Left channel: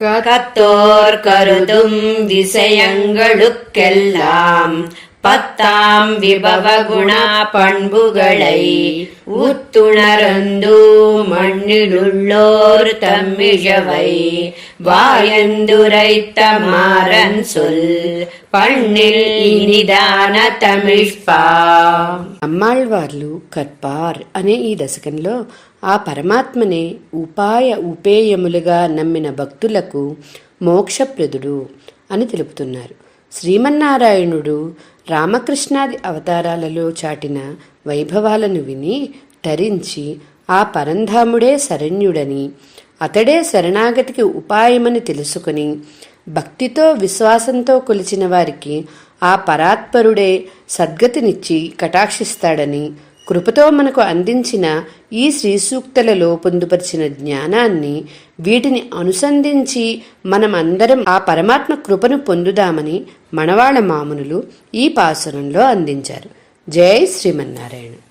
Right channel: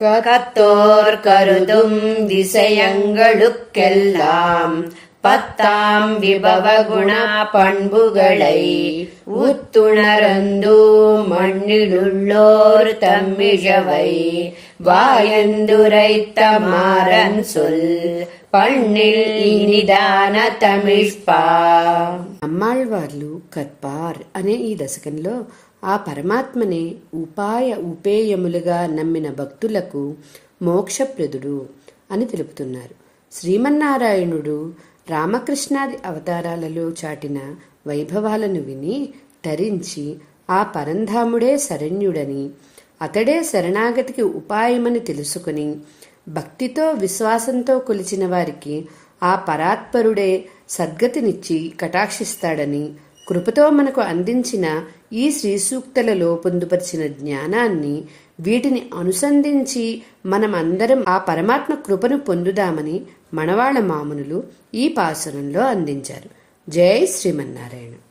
கத்தோர் கருதும் திசையங்களுக்கெல்லாம் பத்தாம் விபவ குண பண்புகளை உத்துணரந்து மண்ணிலுள்ளோர் தம்மிழவை வாயந்துரைத்த மாறன் சொல் పన్నిల్ నిదాన తమిష్పా. అమ్మాళ్వార్లు కర్పార్ అనే ఈ దశకంలో ఆ పరమాత్మనే ఉపేయములుగా నమ్మిన భక్తులకు మోక్షప్రదుడు అని తెలుపుతున్నారు. శ్రీమన్నారాయణుడు రామకృష్ణాది అవతారాలలో చాటిన వైభవాలను విని తరించి ఆ పరంధాముడే శరణ్యుడని, అతడే శరణాగతికి ఉపాయమని తెలుసుకుని భక్తితో విశ్వాసంతో కొలిచిన వారికి ఆ పరాత్పరుడే సద్గతినిచ్చి కటాక్షిస్తాడని, కృపతో మనకు అందించిన ఈ శ్రీసూక్తులలో పొందుపరిచిన జ్ఞానాన్ని వీటిని అనుసంధించి మనమందరం ఆ పరమాత్మ కృపను పొందుదామని మనవాళ్ల మామునులు ఈ పాసురంలో అందించారు. జై శ్రీమన్నారాయణ.